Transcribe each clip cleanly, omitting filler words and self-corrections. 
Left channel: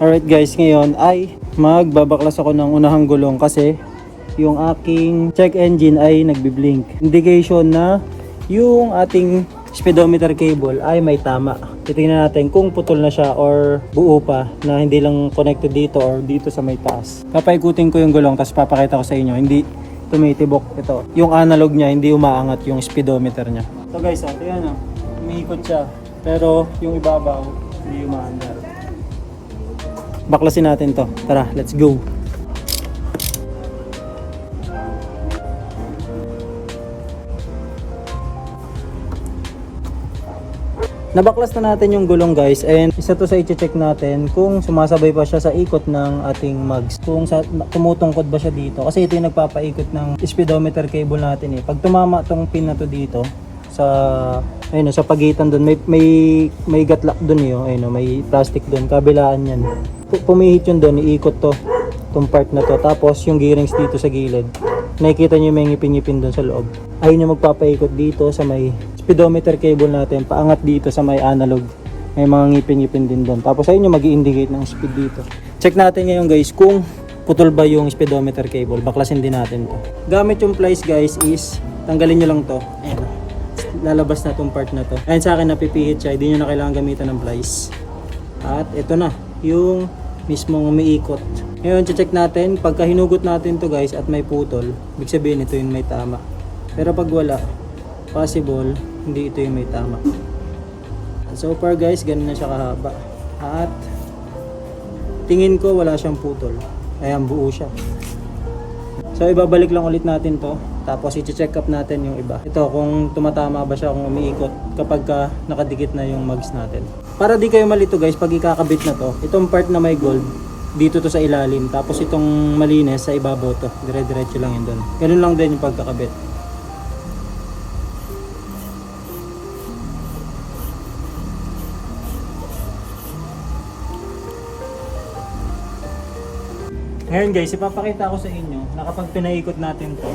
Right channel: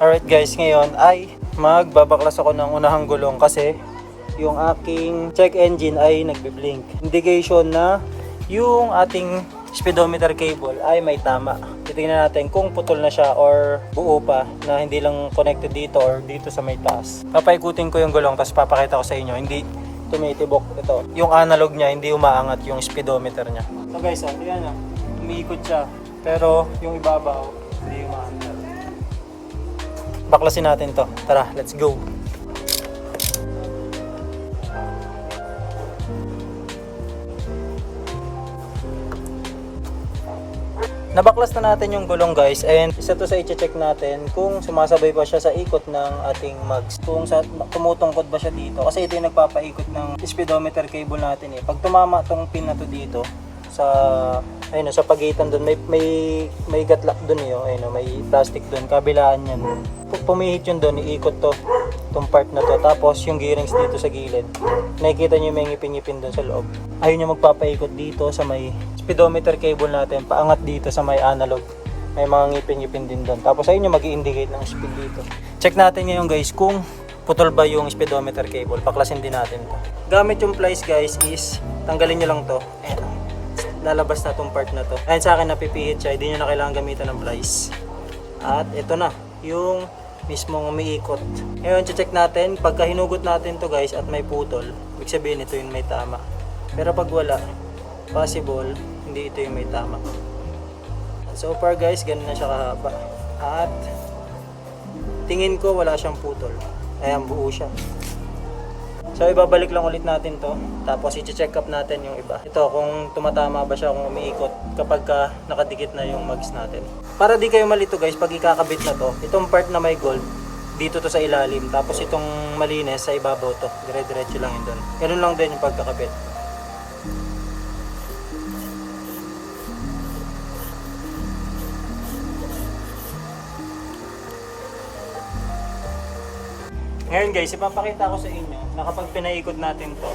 Alright guys, ngayon ay magbabaklas ako ng unahang gulong kasi yung aking check engine ay nagbi-blink. Indication na yung ating speedometer cable ay may tama. Titingnan natin kung putol na siya or buo pa na hindi lang connected dito or dito sa may taas. Papaikutin ko yung gulong tapos papakita ko sa inyo. Hindi tumitibok ito. Yung analog niya hindi umaangat yung speedometer niya. So guys, ayan o. Umiikot siya. Pero yung ibabaw hindi umaandar. Baklasin natin to. Tara, let's go. Nabaklas na natin yung gulong guys, and isa to sa i-check natin kung sumasabay pa siya sa ikot ng ating mags. Kung tumutungkod ba siya dito, kasi ito yung nagpapaikot ng speedometer cable natin eh. Pag tumama tong pin na to dito sa pagitan doon, may gatlak doon eh, ayun, may plastic doon, kabilaan yan. Pumihit yun doon, iikot to, itong part na to, tapos yung gearings dito sa gilid. Nakikita nyo may ngipin-ngipin doon sa loob. Ayun yung magpapaikot dito sa may speedometer cable natin, paangat dito sa may analog. May mga ngipin-ngipin din doon. Tapos ayun yung mag-i-indicate ng speed dito. Check natin ngayon guys kung putol ba yung speedometer cable. Baklasin din natin to. Gamit yung plies guys is, tanggalin nyo lang to. Ayan. Lalabas na tong part na to. Ayun sa akin napipihit siya, hindi nyo na kailangan gamitan ng plies. At ito na, yung mismong umiikot. Ngayon, check natin, pagka hinugot natin to guys at may putol, ibig sabihin ito yung may tama. Pero pag wala, possible, hindi ito yung may tama. So far guys, ganun na siya kahaba. At tingin ko wala siyang putol. Ayan, buo siya. So ibabalik lang ulit natin to. Tapos i-check up natin yung iba. Ito kung tumatama ba siya, kung umiikot kapag nakadikit na yung mags natin. Para di kayo malito guys, pag ikakabit na to, itong part na may gold, dito to sa ilalim. Tapos itong malinis sa ibabaw to. Dire-diretso lang yun doon. Ganun lang din yung pagkakabit. Ngayon guys, ipapakita ko sa inyo na kapag pinaikot natin to,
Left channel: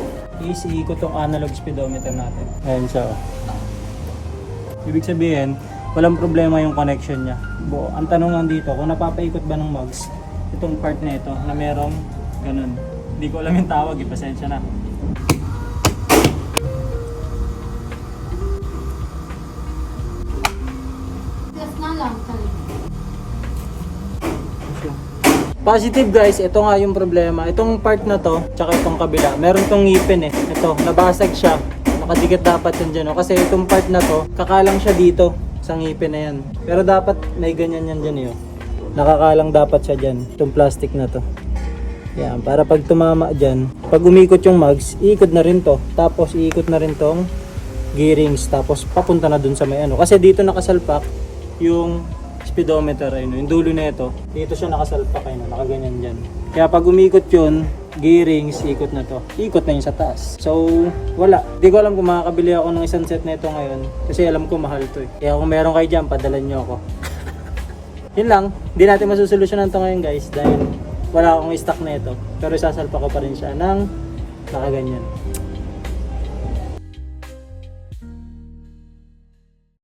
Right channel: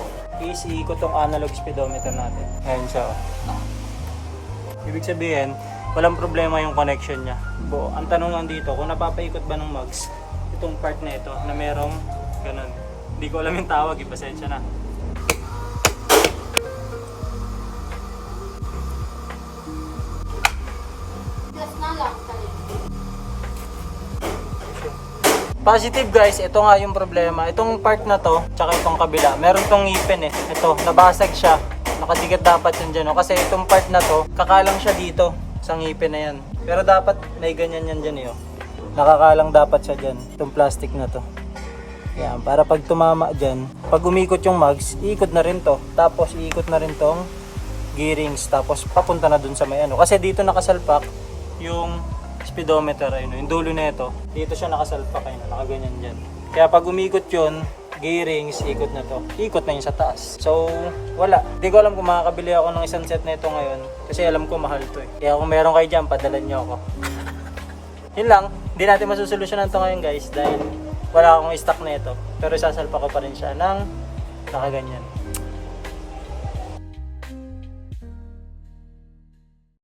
is iikot tong analog speedometer natin. Ayan siya. Ibig sabihin, walang problema yung connection niya. Ang tanong lang dito, kung napapaikot ba ng mags itong part na ito na merong ganun. Hindi ko alam yung tawag, pasensya na. Positive guys, ito nga yung problema. Itong part na to, tsaka itong kabila, meron tong ngipin eh. Ito, nabasag siya. Nakadikit dapat yan dyan. Kasi itong part na to, kakalang siya dito sa ngipin na yan. Pero dapat may ganyan yan dyan eh. Nakakalang dapat siya dyan. Itong plastic na to. Yan, para pag tumama dyan, pag umikot yung mags, iikot na rin to. Tapos iikot na rin tong gearings. Tapos papunta na dun sa may ano. Kasi dito nakasalpak yung speedometer, ayun, yung dulo na ito, dito siya nakasalpak, ayun, nakaganyan dyan. Kaya pag umikot yun, gearings, ikot na to. Ikot na yun sa taas. So, wala. Hindi ko alam kung makakabili ako ng isang set na ito ngayon. Kasi alam ko mahal to eh. Kaya kung meron kayo dyan, padalan nyo ako. Yun lang. Hindi natin masusolusyonan to ngayon guys. Dahil wala akong stock na ito. Pero isasalpak ko pa rin siya ng nakaganyan.